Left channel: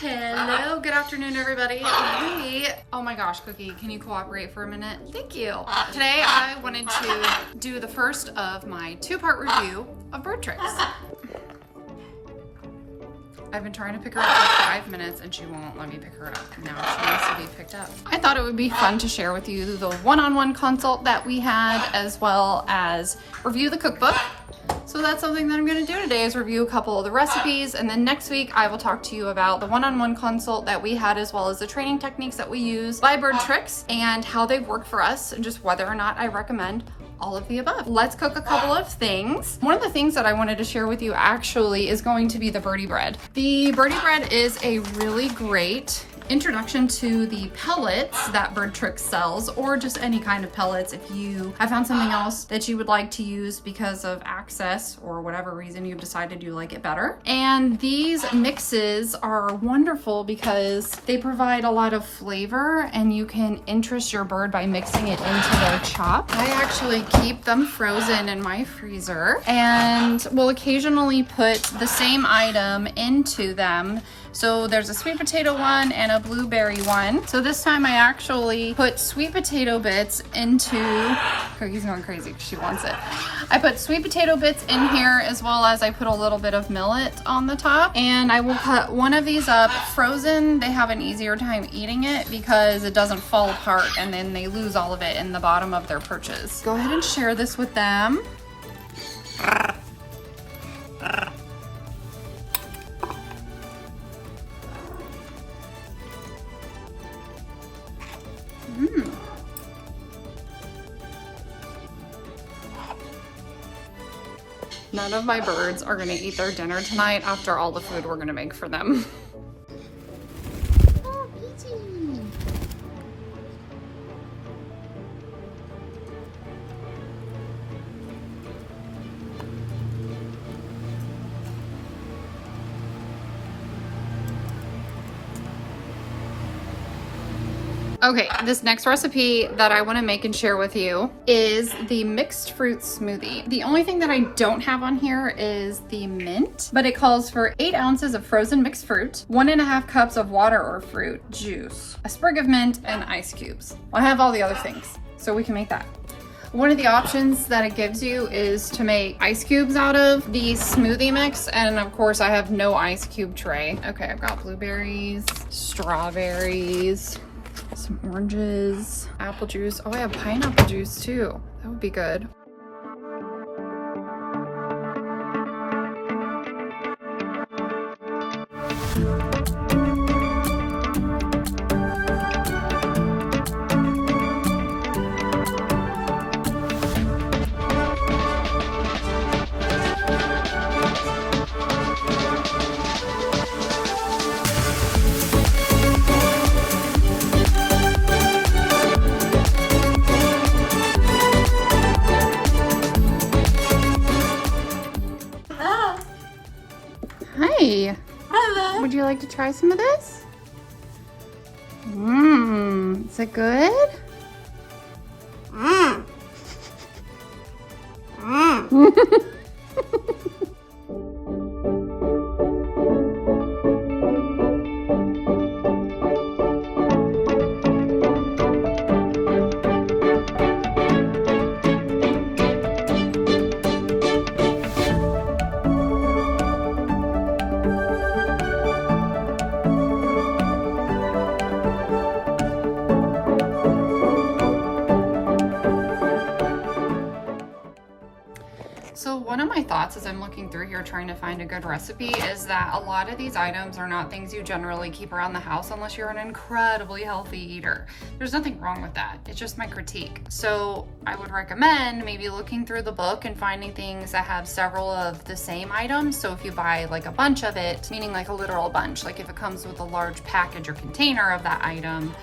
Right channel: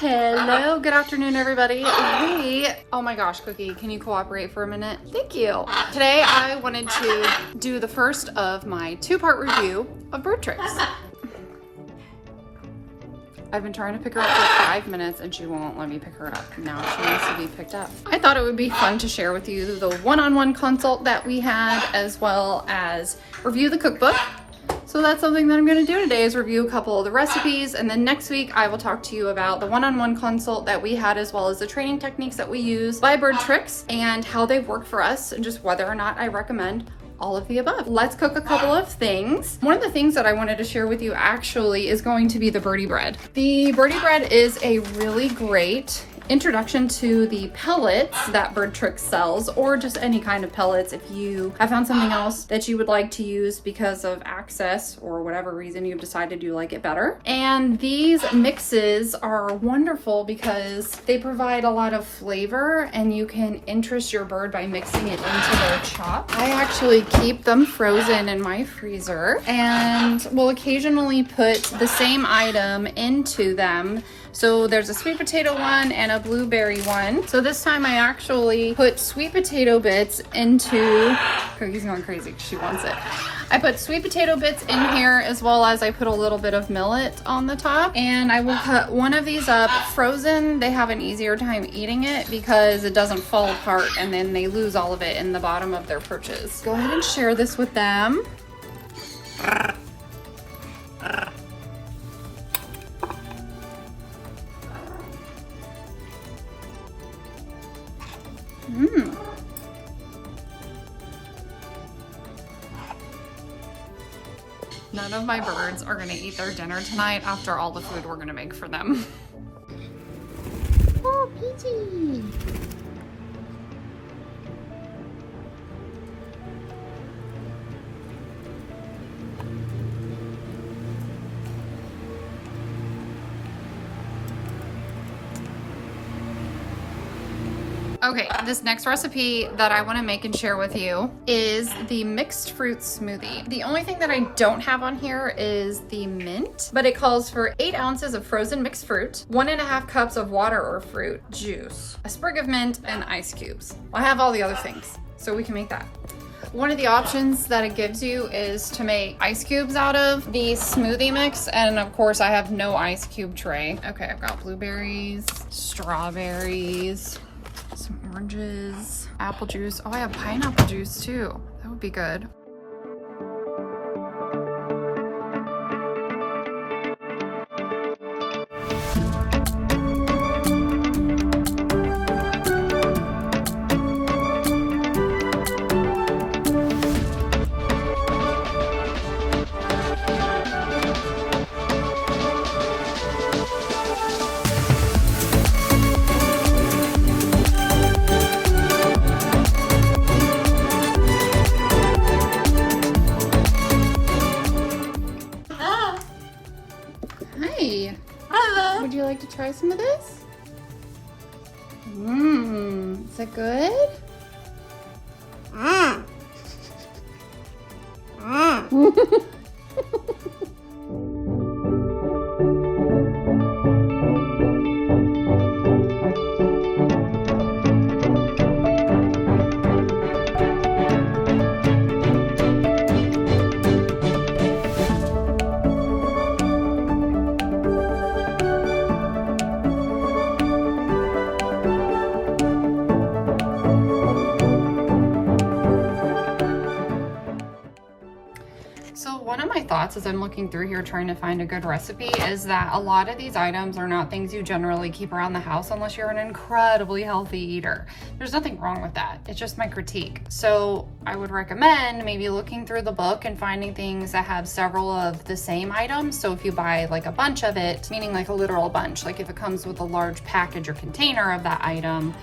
Hello, good afternoon, everybody. Hey, oh my gosh, Cookie, can you cooperate for a minute? Thank you. Today, I wanted to do the first of my two-part review of Birdtricks. I've been trying to pick her up for 5 minutes and she won't let me pick her up. Now she wants to be picked up. I thought it would be fun to share with you the one-on-one consult that we had, as well as review the cookbook. So that's something that I'm gonna do today, is review a couple of the recipes, and then next week I will talk to you about the one-on-one consult that we had, as well as the training techniques that we use by Birdtricks and how they've worked for us, and just whether or not I recommend all of the above. Let's cook a couple of things. One of the things that I wanted to share with you actually is going to be the Birdie Bread. The Birdie Bread is a really great introduction to the pellets that Birdtricks sells, or just any kind of pellets if you have found something else that you would like to use because of access or whatever reason you've decided you like it better. And these mixes are wonderful because they provide a lot of flavor, and you can interest your bird by mixing it into their chop. I actually keep them frozen in my freezer and will occasionally put the same item into them. So there's a sweet potato one and a blueberry one. So this time I actually put sweet potato bits into, Cookie's going crazy, she wants it. I put sweet potato bits in here, as well as I put a little bit of millet on the top. And I will cut one of these up frozen. They have an easier time eating it because it doesn't fall apart and then they lose all of it in the bottom of their perches. Go ahead and share this with them. None of my birds are gonna eat their dinner tonight after all the food we're gonna make for them. Oh, Peachy! Okay, this next recipe that I want to make and share with you is the mixed fruit smoothie. The only thing that I don't have on here is the mint, but it calls for 8 ounces of frozen mixed fruit, 1.5 cups of water or fruit juice, a sprig of mint, and ice cubes. Well, I have all the other things, so we can make that. One of the options that it gives you is to make ice cubes out of the smoothie mix, and of course I have no ice cube tray. Okay, I've got blueberries, strawberries, some oranges, apple juice. Oh, I have pineapple juice too. That would be good. Hi. Hello. Would you like to try some of this? Is it good? So one of my thoughts as I'm looking through here trying to find a good recipe is that a lot of these items are not things you generally keep around the house unless you're an incredibly healthy eater. There's nothing wrong with that. It's just my critique. So I would recommend maybe looking through the book and finding things that have several of the same items. So if you buy like a bunch of it, meaning like a literal bunch, like if it comes with a large package or container of that item,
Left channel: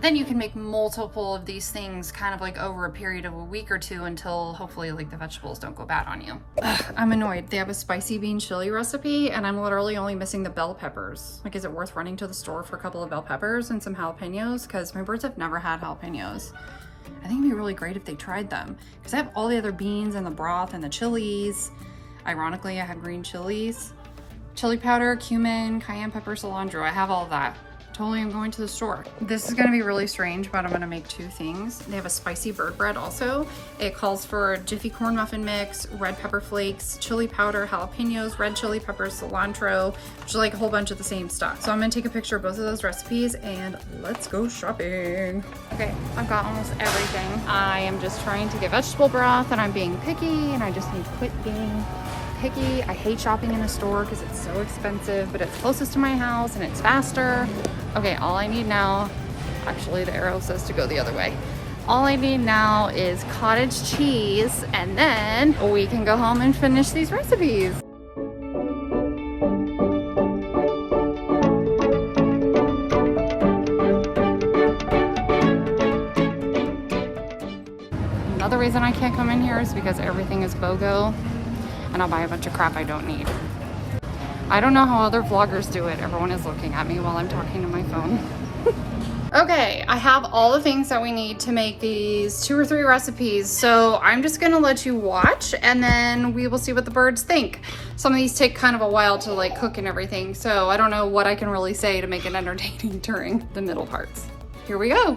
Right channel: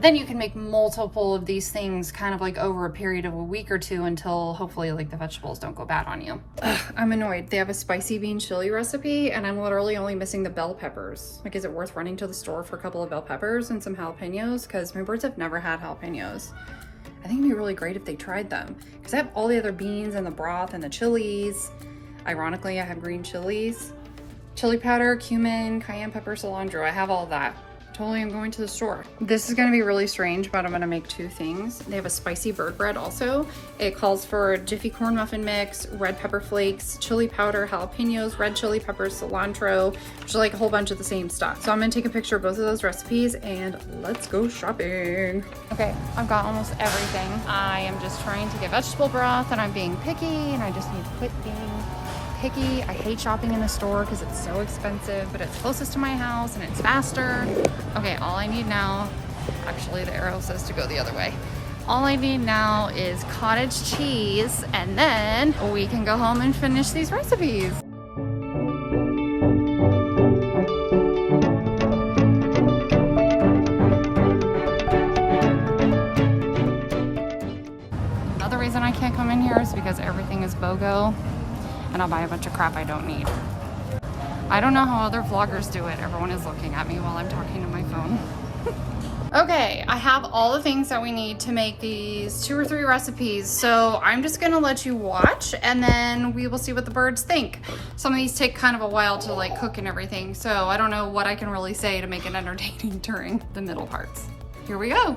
then you can make multiple of these things kind of like over a period of a week or two until hopefully like the vegetables don't go bad on you. Ugh, I'm annoyed. They have a spicy bean chili recipe and I'm literally only missing the bell peppers. Like, is it worth running to the store for a couple of bell peppers and some jalapenos? Because my birds have never had jalapenos. I think it'd be really great if they tried them because I have all the other beans and the broth and the chilies. Ironically, I have green chilies. chili powder, cumin, cayenne pepper, cilantro. I have all that. Totally am going to the store. This is gonna be really strange, but I'm gonna make two things. They have a spicy bird bread also. It calls for Jiffy corn muffin mix, red pepper flakes, chili powder, jalapenos, red chili peppers, cilantro, just like a whole bunch of the same stuff. So I'm gonna take a picture of both of those recipes and let's go shopping. Okay, I've got almost everything. I am just trying to get vegetable broth and I'm being picky and I just need to quit being picky. I hate shopping in a store because it's so expensive, but it's closest to my house and it's faster. Okay, all I need now, actually the arrow says to go the other way. All I need now is cottage cheese and then we can go home and finish these recipes. Another reason I can't come in here is because everything is BOGO. And I'll buy a bunch of crap I don't need. I don't know how other vloggers do it. Everyone is looking at me while I'm talking to my phone. Okay, I have all the things that we need to make these 2 or 3 recipes. So I'm just gonna let you watch and then we will see what the birds think. Some of these take kind of a while to like cook and everything. So I don't know what I can really say to make it entertaining during the middle parts. Here we go.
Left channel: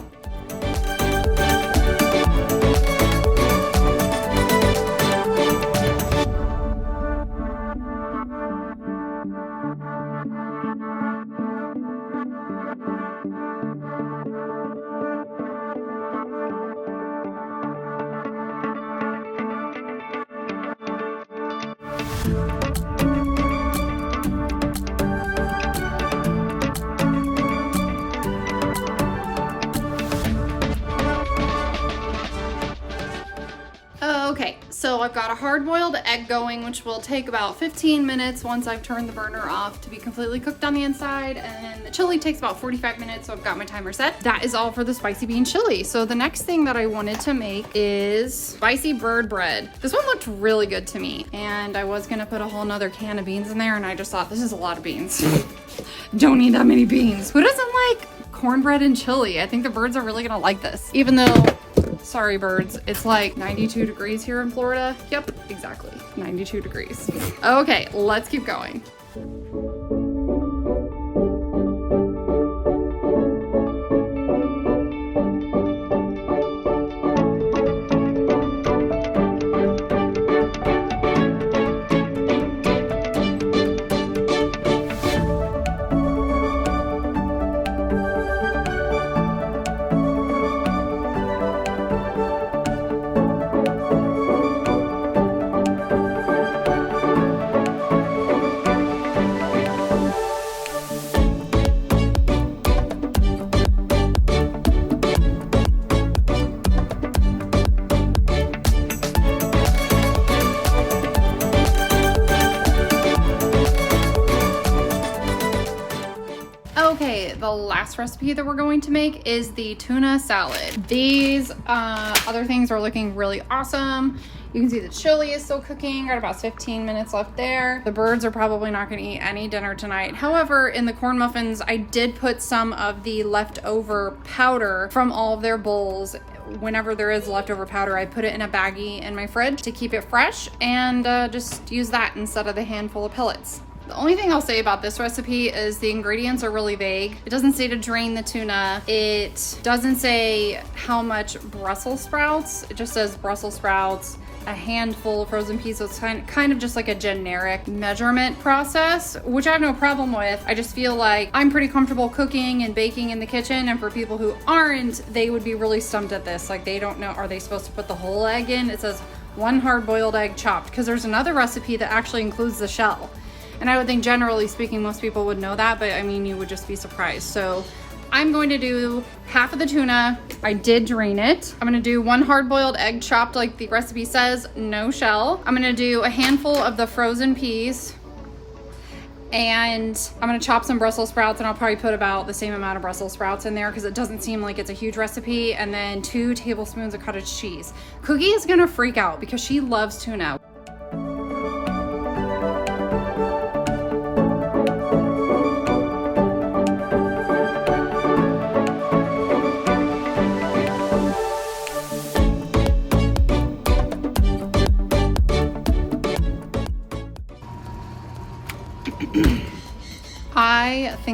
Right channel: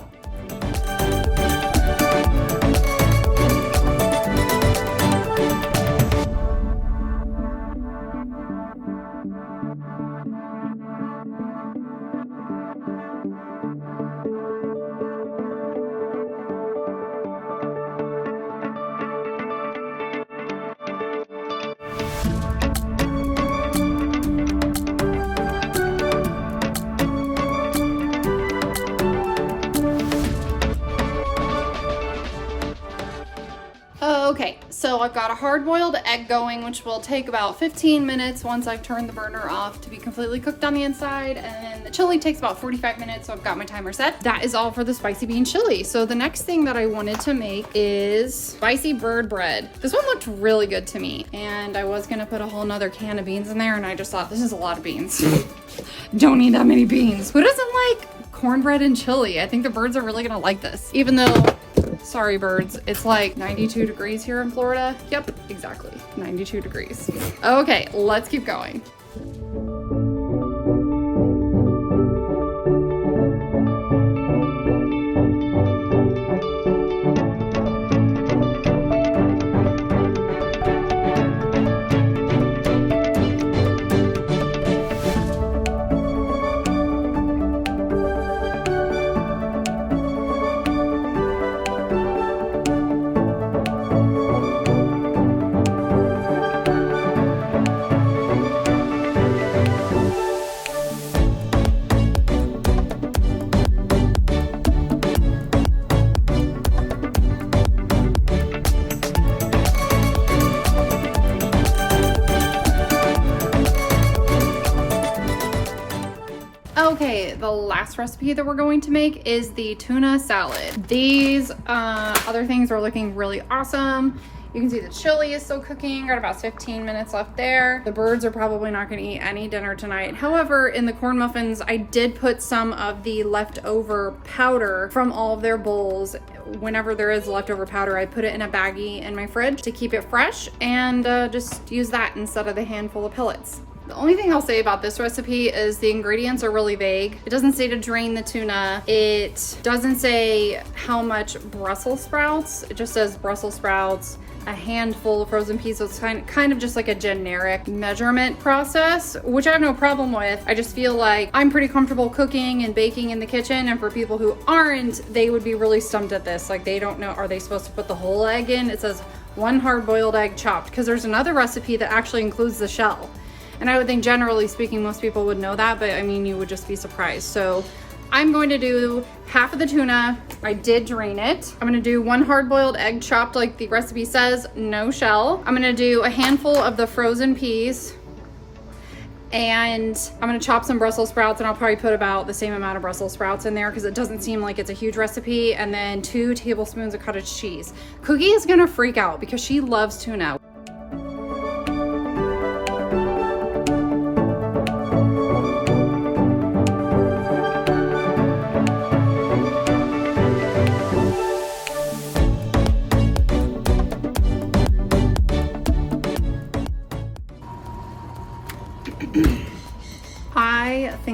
Okay, so I've got a hard-boiled egg going, which will take about 15 minutes once I've turned the burner off to be completely cooked on the inside, and then the chili takes about 45 minutes, so I've got my timer set. That is all for the spicy bean chili. So the next thing that I wanted to make is spicy bird bread. This one looked really good to me, and I was gonna put a whole nother can of beans in there, and I just thought, this is a lot of beans. Don't need that many beans. Who doesn't like cornbread and chili? I think the birds are really gonna like this, even though, sorry birds, it's like 92 degrees here in Florida. Yep, exactly, 92 degrees. Okay, let's keep going. Okay, the last recipe that we're going to make is the tuna salad. These other things are looking really awesome. You can see the chili is still cooking. Got about 15 minutes left there. The birds are probably not going to eat any dinner tonight. However, in the corn muffins, I did put some of the leftover powder from all of their bowls. Whenever there is leftover powder, I put it in a baggie in my fridge to keep it fresh and just use that instead of the handful of pellets. The only thing I'll say about this recipe is the ingredients are really vague. It doesn't say to drain the tuna. It doesn't say how much Brussels sprouts. It just says Brussels sprouts, a handful of frozen peas. So it's kind of just like a generic measurement process, which I have no problem with. I just feel like I'm pretty comfortable cooking and baking in the kitchen. And for people who aren't, they would be really stumped at this. Like they don't know, are they supposed to put the whole egg in? It says 1 hard-boiled egg chopped, because there's another recipe that actually includes the shell. And I would think generally speaking, most people would know that, but I mean, you would just be surprised. So I'm going to do half of the tuna. I did drain it. I'm gonna do 1 hard-boiled egg chopped like the recipe says, no shell. I'm gonna do a handful of the frozen peas. And I'm gonna chop some Brussels sprouts, and I'll probably put about the same amount of Brussels sprouts in there because it doesn't seem like it's a huge recipe. And then 2 tablespoons of cottage cheese. Cookie is gonna freak out because she loves tuna.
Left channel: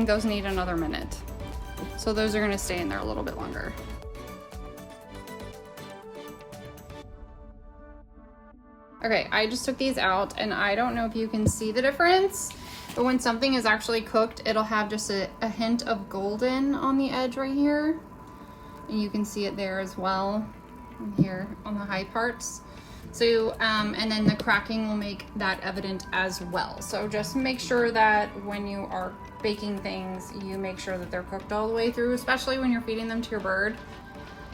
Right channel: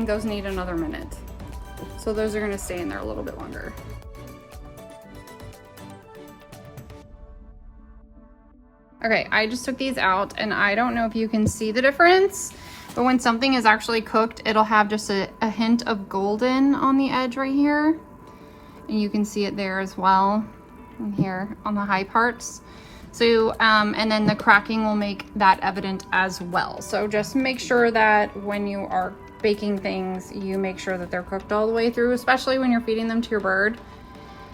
think those need another minute. So those are gonna stay in there a little bit longer. Okay, I just took these out and I don't know if you can see the difference, but when something is actually cooked, it'll have just a hint of golden on the edge right here. And you can see it there as well, here on the high parts. So, and then the cracking will make that evident as well. So just make sure that when you are baking things, you make sure that they're cooked all the way through, especially when you're feeding them to your bird,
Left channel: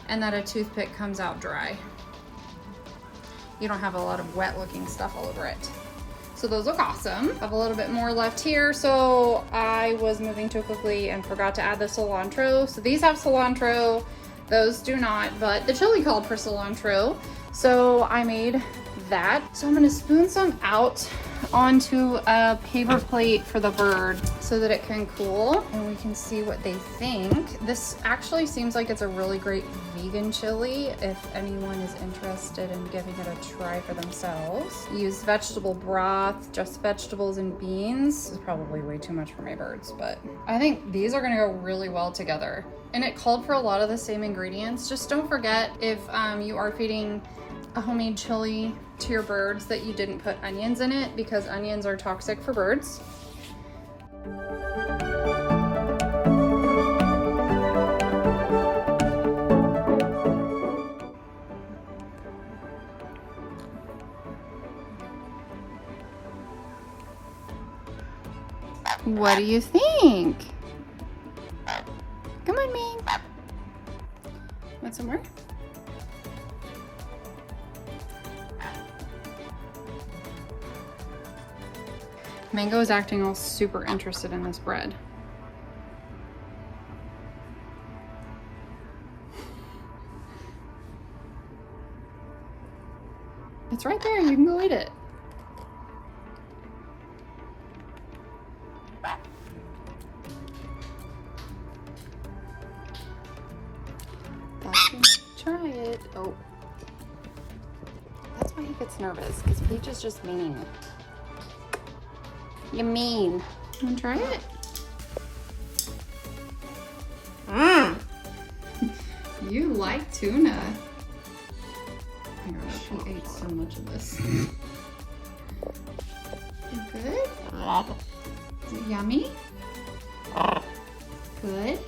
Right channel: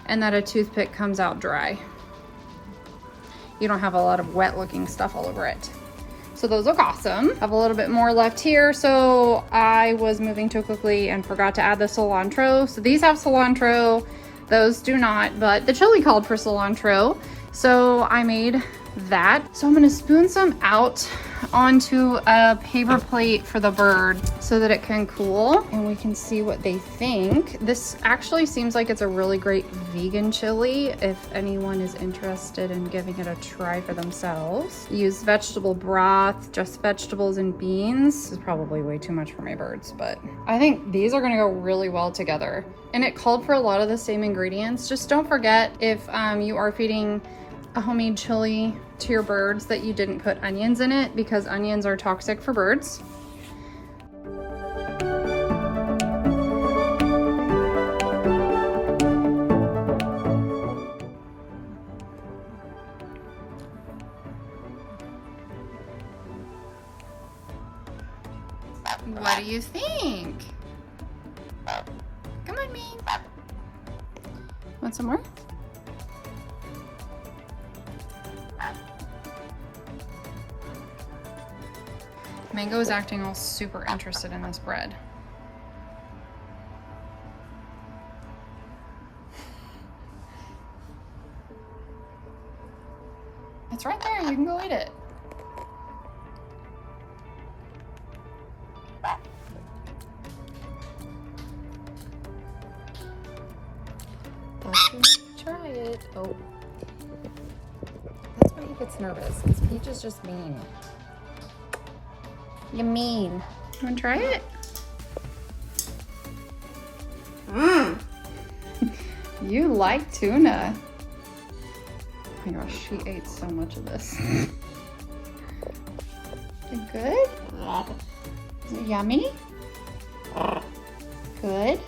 and that a toothpick comes out dry. You don't have a lot of wet looking stuff all over it. So those look awesome. I have a little bit more left here. So I was moving too quickly and forgot to add the cilantro. So these have cilantro, those do not, but the chili called for cilantro. So I made that. So I'm gonna spoon some out onto a paper plate for the bird so that it can cool and we can see what they think. This actually seems like it's a really great vegan chili if anyone is interested in giving it a try for themselves. Use vegetable broth, just vegetables and beans. This is probably way too much for my birds, but I think these are gonna go really well together. And it called for a lot of the same ingredients. Just don't forget, if you are feeding a homemade chili to your birds, that you didn't put onions in it, because onions are toxic for birds. What do you think? Come on, Ming. Want some more? Mango is acting all super interested in this bread. It's right there, you can go eat it. Try it. Oh. That's why he gets nervous, because Peach is just mean. You mean. You wanna try it? Mmm. You like tuna. Oh my gosh, she ate so much of this. You good? Is it yummy? Good.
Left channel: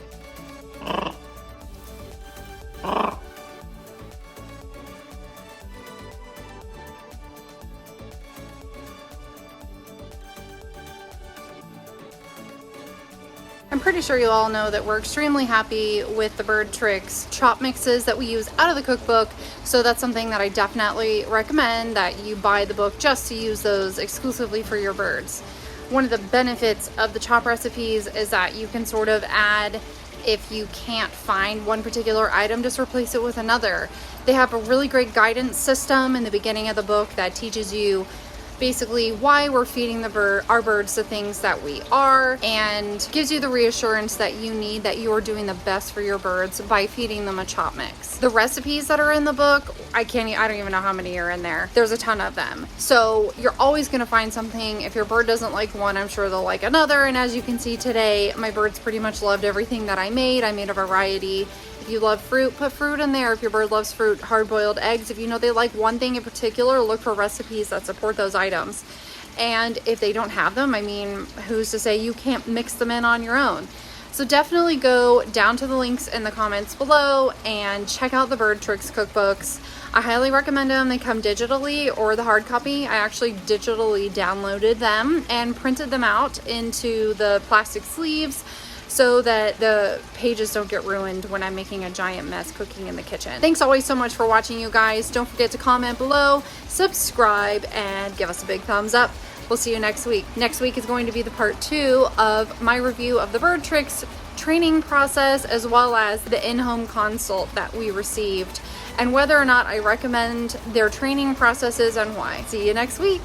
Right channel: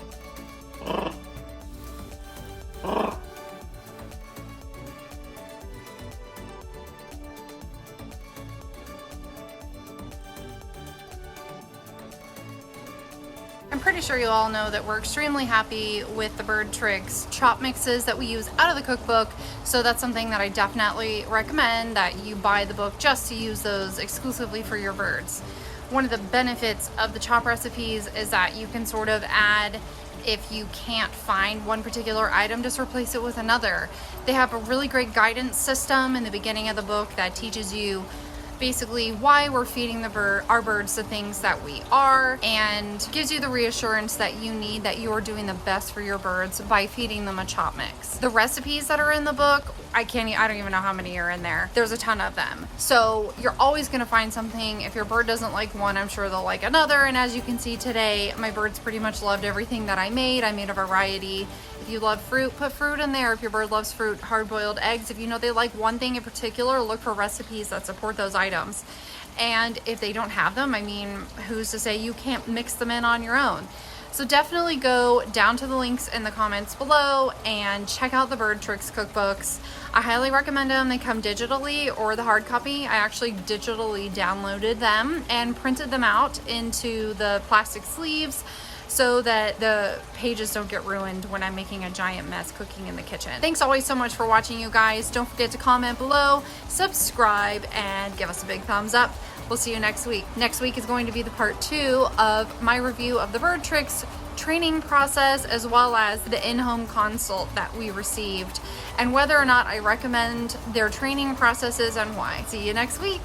I'm pretty sure you all know that we're extremely happy with the Birdtricks chop mixes that we use out of the cookbook. So that's something that I definitely recommend, that you buy the book just to use those exclusively for your birds. One of the benefits of the chop recipes is that you can sort of add, if you can't find one particular item, just replace it with another. They have a really great guidance system in the beginning of the book that teaches you basically why we're feeding our birds the things that we are, and gives you the reassurance that you need, that you're doing the best for your birds by feeding them a chop mix. The recipes that are in the book, I don't even know how many are in there. There's a ton of them. So you're always gonna find something. If your bird doesn't like one, I'm sure they'll like another. And as you can see today, my birds pretty much loved everything that I made. I made a variety. If you love fruit, put fruit in there. If your bird loves fruit, hard-boiled eggs. If you know they like one thing in particular, look for recipes that support those items. And if they don't have them, I mean, who's to say you can't mix them in on your own? So definitely go down to the links in the comments below and check out the Birdtricks cookbooks. I highly recommend them. They come digitally or the hard copy. I actually digitally downloaded them and printed them out into the plastic sleeves so that the pages don't get ruined when I'm making a giant mess cooking in the kitchen. Thanks always so much for watching, you guys. Don't forget to comment below, subscribe, and give us a big thumbs up. We'll see you next week. Next week is going to be the part 2 of my review of the Birdtricks training process, as well as the in-home consult that we received, and whether or not I recommend their training processes and why. See you next week.